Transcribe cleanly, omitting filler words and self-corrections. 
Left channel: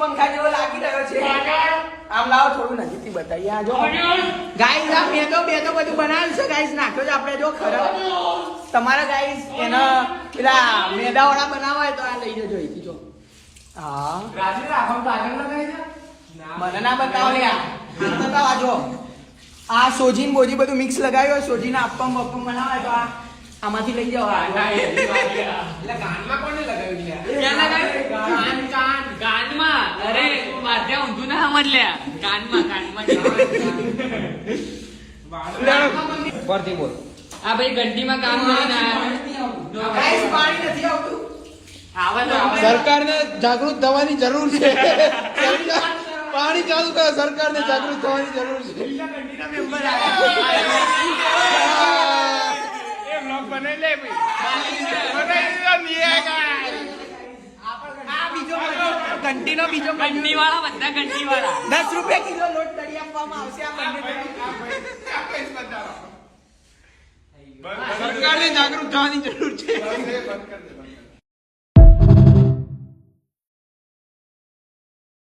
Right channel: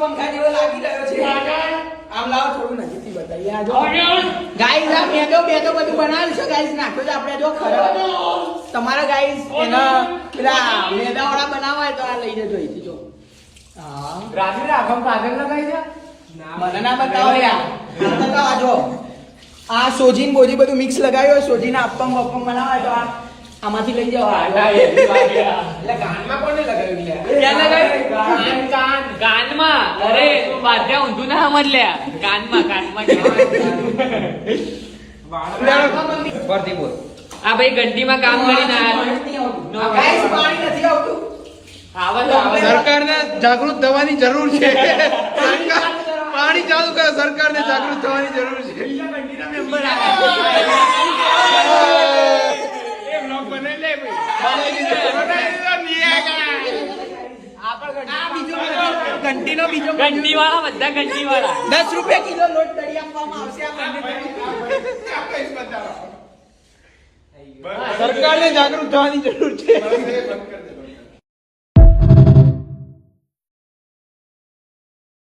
પંખા જેવો લાગી રહ્યો છે. આમ લાવો થોડું નજીકથી બતાવીએ. આ જો ગાઈસ આ મેદો બધું બનાવ્યું છે ગાઈસ. નાખ્યો છે આપણે જો ખરા તમારા ગાઈસ એના પેલા મેદાવાળા બનાવવા હોય તો આ લઈ જજો અહીંથી જો. હા રાત્રે આમ કાગળ લગાવી દે. મને ના બતાવો યાર. આ બતાવો જો આ સોજીન બોજી બધું મિક્સ લગાવ્યું હોય. સોજીના અપમ બપમ બનાવાય તો આ આમાંથી લઈ જાવ. એટલે ગાનમાં કોને લગાવ્યું લે? ક્યાં લગાવ્યું? કાનમાં. અરે તું બાધ્યા ઊંધું ના સમજ લે. કાનમાં ફરતી બોલ. આ ભાઈ ઘંટીમાં કામ કરીને ગાઈસ પાણી નથી આવતું. સરકારને જાગૃત થવાની જરૂર છે. પાણી ચાલુ કરો. સરકારને જાગૃત થવાની જરૂર છે. ઘંટીનો બીજો ઘંટી વાળા બધા ઘંટી વાળા 10 રૂપિયા કિલો લોટ તળી આપવામાં આવશે. આ બંને સરકારને જાગૃત થવાની જરૂર છે.